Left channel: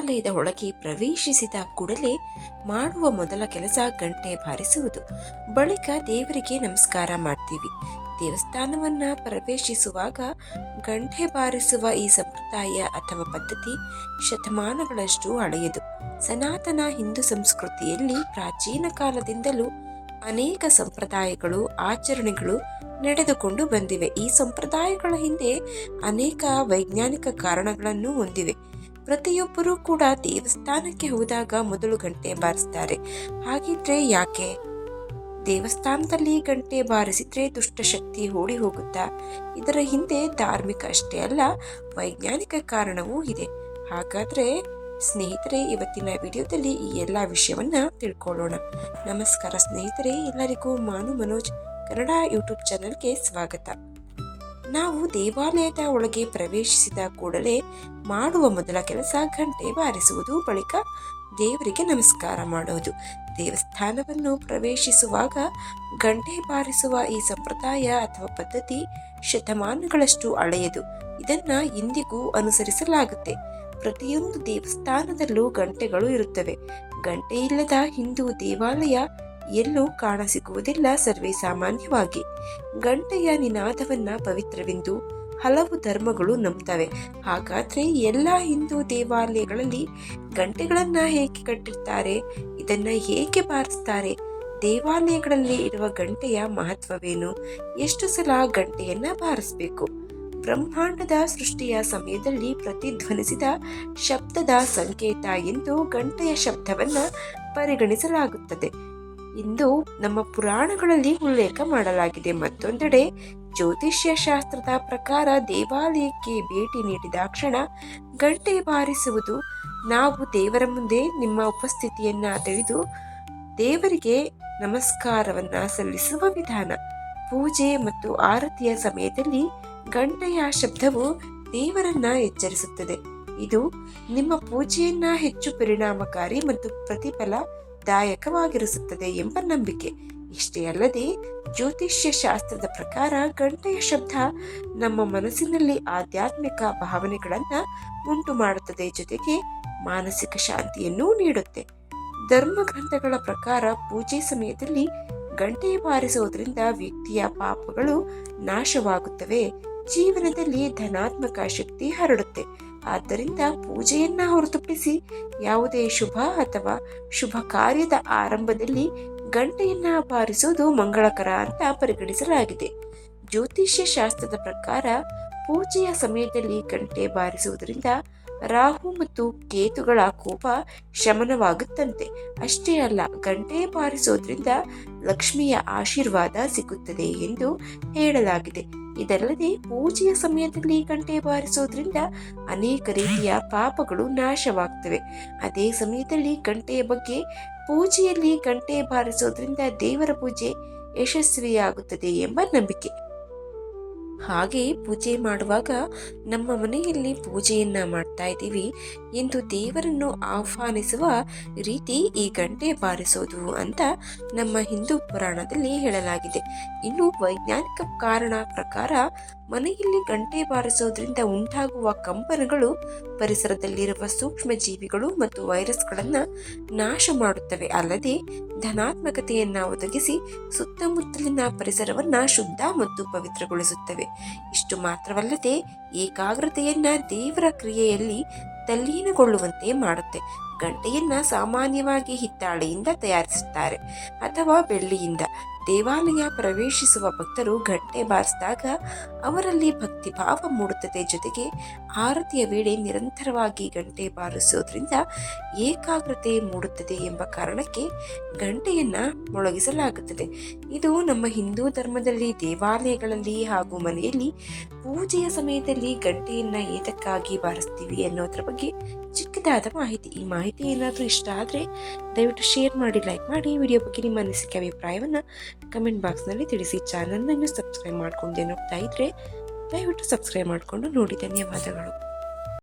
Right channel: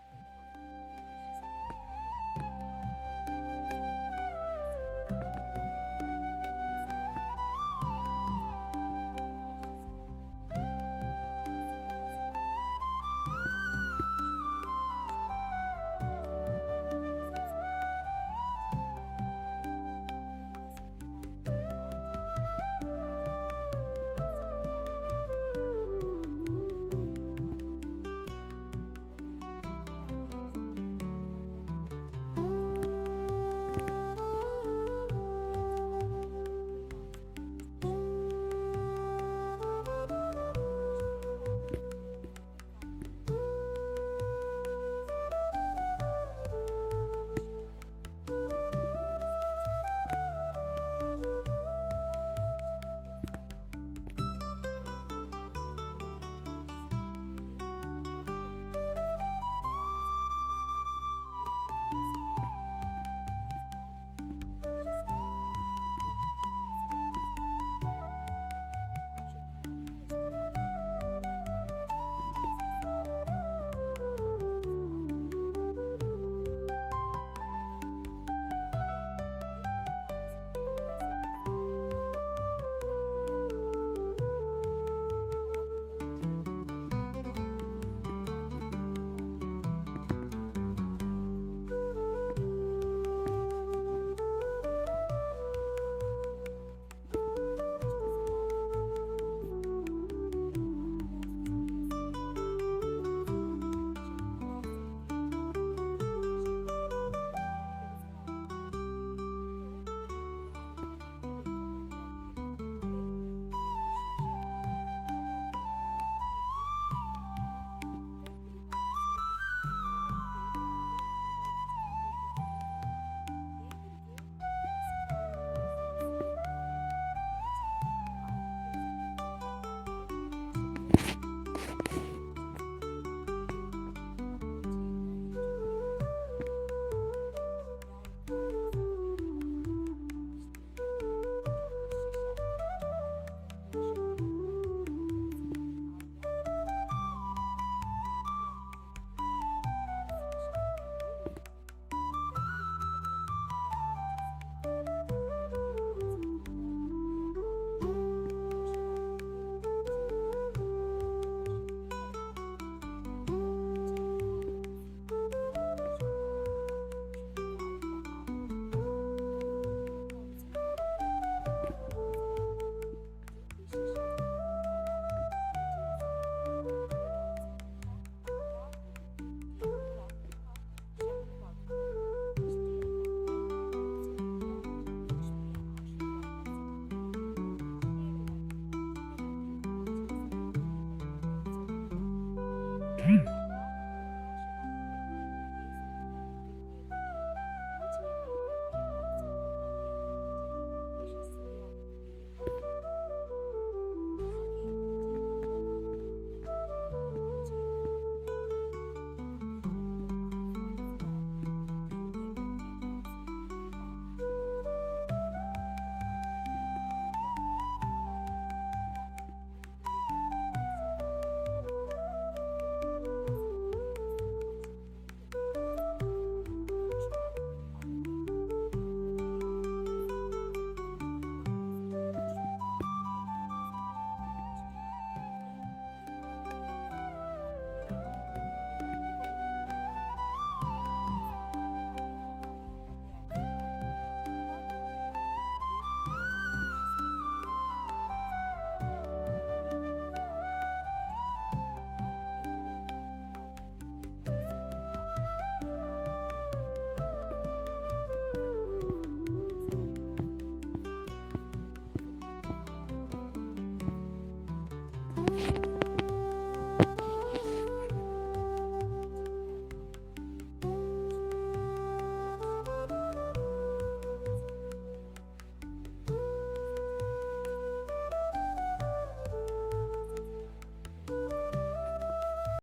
ದೇವಾಲಯದ ಒಳಗೆ ಪ್ರವೇಶಿಸಿದ ಕೂಡಲೇ ಮಾಡುವ ಮೊದಲ ಕೆಲಸ ಗಂಟೆ ಬಾರಿಸುವುದು. ಬಳಿಕ ದೇವರಿಗೆ ನಮಸ್ಕಾರ ಮಾಡ್ತೀವಿ. ದೇವಸ್ಥಾನವನ್ನ ಪ್ರವೇಶಿಸುವಾಗ ಗಂಟೆ ಬಾರಿಸುವ ಈ ಸಂಪ್ರದಾಯ ಅಥವಾ ಪದ್ಧತಿ ಶತಮಾನಗಳಷ್ಟು ಹಳೆಯದು. ಸನಾತನ ಹಿಂದೂ ಸಂಸ್ಕೃತಿಯಲ್ಲಿ ಪ್ರಾಚೀನ ಕಾಲದಿಂದಲೂ ಅನೇಕ ಸಂಪ್ರದಾಯಗಳು, ಆಚರಣೆಗಳು ನಡೆದುಕೊಂಡು ಬಂದಿವೆ. ಈ ಸಂಪ್ರದಾಯಗಳ ಹಿಂದೆ ಅನೇಕ ವೈಜ್ಞಾನಿಕ ಕಾರಣಗಳನ್ನು ಹೊಂದಿವೆ. ಪ್ರತಿಯೊಬ್ಬರೂ ಕೂಡ ದೇವಸ್ಥಾನಕ್ಕೆ ಹೋದಾಗ ಮೊದಲು ಗಂಟೆ ಬಾರಿಸ್ತಾರೆ. ಹಾಗಿದ್ರೆ ಯಾಕೆ? ದೇವಸ್ಥಾನದಲ್ಲಿ ಗಂಟೆ ಬಾರಿಸಿದ್ರೆ ದುಷ್ಟಶಕ್ತಿ ಓಡಿ ಹೋಗುತ್ತಾ? ಇದರ ಹಿಂದೆ ಧಾರ್ಮಿಕ ಅಷ್ಟೇ ಅಲ್ಲ, ವೈಜ್ಞಾನಿಕ ಕಾರಣವೂ ಇದೆ. ಹಾಗಾದ್ರೆ ಸ್ನೇಹಿತರೆ, ಇವತ್ತಿನ ವಿಡಿಯೋದಲ್ಲಿ ಈ ಎಲ್ಲ ವಿಷಯವನ್ನ ತಿಳ್ಕೊಳ್ಳೋಣ. ನಮಸ್ಕಾರ ಸ್ನೇಹಿತರೆ, ಎಲ್ಲರಿಗೂ ಮಾನು ಮನೋಜ್ ಕನ್ನಡ ಯೂಟ್ಯೂಬ್ ಚಾನಲ್ಗೆ ಸ್ವಾಗತ. ನಾವು ದೇವಾಲಯದ ಒಳಗೆ ಪ್ರವೇಶಿಸಿದ ಕೂಡಲೇ ಮಾಡುವ ಮೊದಲ ಕೆಲಸ ಗಂಟೆ ಬಾರಿಸುವುದು, ಬಳಿಕ ದೇವರಿಗೆ ನಮಸ್ಕಾರ ಮಾಡೋದು. ದೇವಸ್ಥಾನವನ್ನು ಪ್ರವೇಶಿಸುವಾಗ ಗಂಟೆ ಬಾರಿಸುವ ಈ ಸಂಪ್ರದಾಯ ಅಥವಾ ಪದ್ಧತಿ ಶತಮಾನಗಳಷ್ಟು ಹಳೆಯದು. ಇದನ್ನ ಇಂದಿಗೂ ಅನುಸರಿಸಲಾಗುತ್ತೆ. ಪ್ರತಿಯೊಂದು ದೇವಸ್ಥಾನದಲ್ಲೂ ಗಂಟೆಗಳು ಇರುತ್ತವೆ. ಗಂಟೆ ಇಲ್ಲದ ಹಿಂದೂ ದೇವಾಲಯ ಎಲ್ಲೂ ಕಾಣಸಿಗುವುದಿಲ್ಲ. ಸರ್ವೇ ಸಾಮಾನ್ಯವಾಗಿ ಗಂಟೆಯ ನಿನಾದವನ್ನ ಪವಿತ್ರವೆಂದು ಹಲವು ಧರ್ಮಗಳು ನಂಬ್ತವೆ. ಹಾಗಾದ್ರೆ ಎಲ್ಲ ಹಿಂದೂ ದೇವಾಲಯಗಳಲ್ಲಿ ಗಂಟೆಗಳನ್ನ ಹೇಗೆ ಕಟ್ಟಿರ್ತಾರೆ? ಇದನ್ನ ಹೇಗೆ ಬಾರಿಸ್ತಾರೆ? ದೇವಾಲಯಗಳಲ್ಲಿ ಇರುವ ಗಂಟೆಯ ಮಹತ್ವವೇನು? ಎಷ್ಟು ಸಲ ಗಂಟೆಯನ್ನ ಬಾರಿಸಬೇಕು? ಬ್ರಹ್ಮಾಂಡದ ಸೃಷ್ಟಿಯ ಸಮಯದಲ್ಲಿ ಪ್ರತಿಧ್ವನಿಸಿದ ಶಬ್ದದ ಸಂಕೇತ ಎಂದು ಗಂಟೆಯ ಶಬ್ದವನ್ನ ಪರಿಗಣಿಸಲಾಗುತ್ತದೆ ಎಂದು ನಮ್ಮ ಪುರಾಣಗಳಲ್ಲಿ ಉಲ್ಲೇಖ ಮಾಡಲಾಗಿದೆ. ಮತ್ತೊಂದೆಡೆ ಜ್ಯೋತಿಷ್ಯ ಶಾಸ್ತ್ರದ ಪ್ರಕಾರ ದೇವಾಲಯಕ್ಕೆ ಭೇಟಿ ನೀಡಿದ ಕ್ಷಣ ಗಂಟೆ ಬಾರಿಸುವುದು ನಾವು ದೇವರ ಮುಂದೆ ನಿಮ್ಮ ಉಪಸ್ಥಿತಿಯನ್ನ ತಿಳಿದು ದೇವರಿಗೆ ನಮಸ್ಕಾರವನ್ನ ಸಲ್ಲಿಸುವ ವಿಧಾನ. ಪೂಜೆ ಮತ್ತು ಆರತಿಯ ಸಮಯದಲ್ಲಿ ಗಂಟೆಯ ಶಬ್ದವು ದೇವರನ್ನ ಎಚ್ಚರಿಸುತ್ತದೆ. ಇದು ನಿಮ್ಮ ಪೂಜೆಯನ್ನ ಹೆಚ್ಚು ಪರಿಣಾಮಕಾರಿ ಮತ್ತು ಪ್ರತಿಫಲದಾಯಕವಾಗಿರಿಸುತ್ತದೆ ಎಂಬ ನಂಬಿಕೆ. ಇಷ್ಟೇ ಅಲ್ಲದೆ ಜ್ಯೋತಿಷ್ಯ ಶಾಸ್ತ್ರದ ಪ್ರಕಾರ ಗಂಟೆಯ ಶಬ್ದ ನಮ್ಮ ಮನಸ್ಸಿನಲ್ಲಿ ಆಧ್ಯಾತ್ಮಿಕ ಭಾವನೆಗಳನ್ನ ಉಂಟು ಮಾಡುತ್ತದೆ, ಜೊತೆಗೆ ಮಾನಸಿಕ ಶಾಂತಿಯನ್ನು ನೀಡುತ್ತೆ. ಧರ್ಮ ಗ್ರಂಥಗಳ ಪ್ರಕಾರ ಪೂಜೆ ಸಮಯದಲ್ಲಿ ಗಂಟೆ ಬಾರಿಸುವುದರಿಂದ ವ್ಯಕ್ತಿಯ ಪಾಪಗಳು ನಾಶವಾಗುತ್ತವೆ, ಜೀವನದಲ್ಲಿ ಧನಾತ್ಮಕ ಶಕ್ತಿ ಹರಡುತ್ತೆ. ಆದ್ದರಿಂದ ಪೂಜೆಯನ್ನ ಹೊರತುಪಡಿಸಿ ಯಾವುದೇ ಶುಭ ಅಥವಾ ಶುಭ ಕಾರ್ಯದ ಆರಂಭದಲ್ಲಿ ಗಂಟೆಯನ್ನ ಬಾರಿಸುವುದು ಮಂಗಳಕರ ಅಂತ ಪರಿಗಣಿಸಲಾಗಿದೆ. ಜ್ಯೋತಿಷ್ಯ ಶಾಸ್ತ್ರದ ಪ್ರಕಾರ ಪೂಜೆಯ ಸಮಯದಲ್ಲಿ ಗಂಟೆ ಬಾರಿಸುವುದರಿಂದ ರಾಹು ಮತ್ತು ಕೇತುಗಳ ಕೋಪ ಶಮನವಾಗುತ್ತಂತೆ. ಅಷ್ಟೇ ಅಲ್ಲ, ಗಂಟೆ ಬಾರಿಸೋದ್ರಿಂದ ಲಕ್ಷ್ಮಿಯ ಆಶೀರ್ವಾದ ಸಿಗುತ್ತದೆ ಎಂದು ಹೇಳಲಾಗಿದೆ. ಇದಲ್ಲದೆ ಪೂಜೆಯ ಸಮಯದಲ್ಲಿ ಗಂಟೆ ಬಾರಿಸೋದ್ರಿಂದ ಅನೇಕ ರೀತಿಯ ಪಾಪಗಳು ನಾಶವಾಗ್ತವೆ. ಅದೇ ಸಮಯದಲ್ಲಿ ಗಂಟೆಯ ಬಗ್ಗೆ ಪೂಜೆಯಲ್ಲಿ ಗಂಟೆ ಬಾರಿಸೋದ್ರಿಂದ ದೇವರ ಪೂಜೆ ಯಶಸ್ವಿಯಾಗುತ್ತದೆ ಎಂಬ ನಂಬಿಕೆ. ಹಾಗೆ ಪೂಜೆ ಮಾಡುವಾಗ ನಮ್ಮ ಮನೆಯಲ್ಲಿ ಪೂಜೆಯನ್ನ ಮಾಡ್ತಾ ಇದ್ದೀವಿ ಎಂದು ದೇವರನ್ನು ಆಹ್ವಾನಿಸುವ ರೀತಿ ಈ ಗಂಟೆ ಬಾರಿಸೋದು ಅಂತ ನಮ್ಮ ಹಿಂದೂ ಪುರಾಣದಲ್ಲಿ ಹೇಳಲಾಗಿದೆ. ಇನ್ನು ವೈಜ್ಞಾನಿಕ ಕಾರಣ ಪ್ರಕಾರ ಮನೆಯಲ್ಲಿ ಗಂಟೆ ಬಾರಿಸೋದ್ರಿಂದ ಉಂಟಾಗುವ ಕಂಪನಗಳು ಪರಿಸರದಲ್ಲಿರುವ ಸೂಕ್ಷ್ಮ ಜೀವಿಗಳು ಮತ್ತು ವೈರಸ್ಗಳನ್ನ ನಾಶ ಮಾಡುತ್ತವೆ. ಅಲ್ಲದೆ ಧನಾತ್ಮಕತೆಯನ್ನ ಒದಗಿಸಿ ಸುತ್ತಮುತ್ತಲಿನ ಪರಿಸರವನ್ನ ಶುದ್ಧ ಮತ್ತು ಪವಿತ್ರಗೊಳಿಸುತ್ತವೆ. ಇಷ್ಟು ಮಾತ್ರವಲ್ಲದೆ ಏಕಾಗ್ರತೆಯನ್ನ ದೇವರ ಕ್ರಿಯೆಯಲ್ಲಿ ತಲ್ಲೀನಗೊಳ್ಳುವಂತೆ ಮಾಡುತ್ತೆ. ಗಂಟೆಯನ್ನ ಸಾಮಾನ್ಯವಾಗಿ ಹಿತ್ತಾಳೆಯಿಂದ ತಯಾರಿಸುತ್ತಾರೆ ಅಥವಾ ಬೆಳ್ಳಿಯಿಂದ. ದೇವಾಲಯ ಪ್ರವೇಶಿಸುವ ಭಕ್ತರು ಗಂಟೆ ಬಾರಿಸಿದಾಗ ಅವರಲ್ಲಿ ಭಕ್ತಿ ಭಾವ ಮೂಡುತ್ತದೆ. ಜೊತೆಗೆ ಆರತಿಯ ವೇಳೆ ನಿರಂತರವಾಗಿ ಗಂಟೆ ಬಾರಿಸೋದ್ರಿಂದ ಏಕಾಗ್ರತೆ ಮೂಡುತ್ತದೆ ಎಂಬ ಕಾರಣಕ್ಕೆ ಗಂಟೆಯನ್ನ ಮೊಳಗಿಸಲಾಗುತ್ತದೆ. ಇದು ನಮ್ಮ ಹಿಂದೂ ಧರ್ಮದಲ್ಲಿ ದೇವಾಲಯಗಳಲ್ಲಿ ಹಾಗೂ ಮನೆಯಲ್ಲಿ ಪೂಜೆಯ ಸಮಯದಲ್ಲಿ ಗಂಟೆಯನ್ನ ಏತಕ್ಕಾಗಿ ಬಾರಿಸ್ತೀವಿ ಅನ್ನೋದ್ರ ಬಗ್ಗೆ ಚಿಕ್ಕದಾದ ಮಾಹಿತಿ. ಈ ಮಾಹಿತಿ ಏನಾದರೂ ಇಷ್ಟ ಆದರೆ ದಯವಿಟ್ಟು ಶೇರ್ ಮಾಡಿ, ಲೈಕ್ ಮಾಡಿ. ವಿಡಿಯೋ ಬಗ್ಗೆ ನಿಮ್ಮ ಅನಿಸಿಕೆ ಅಭಿಪ್ರಾಯವನ್ನು ಕಮೆಂಟ್ ಬಾಕ್ಸ್ನಲ್ಲಿ ತಿಳಿಸಿ. ಚಾನಲ್ನ ಇನ್ನೂ ಸಬ್ಸ್ಕ್ರೈಬ್ ಮಾಡ್ಕೊಂಡು ನೋಡ್ತಾ ಇದ್ರೆ ದಯವಿಟ್ಟು ಸಬ್ಸ್ಕ್ರೈಬ್ ಮಾಡಿಕೊಂಡು ನೋಡಿ. ಧನ್ಯವಾದಗಳು.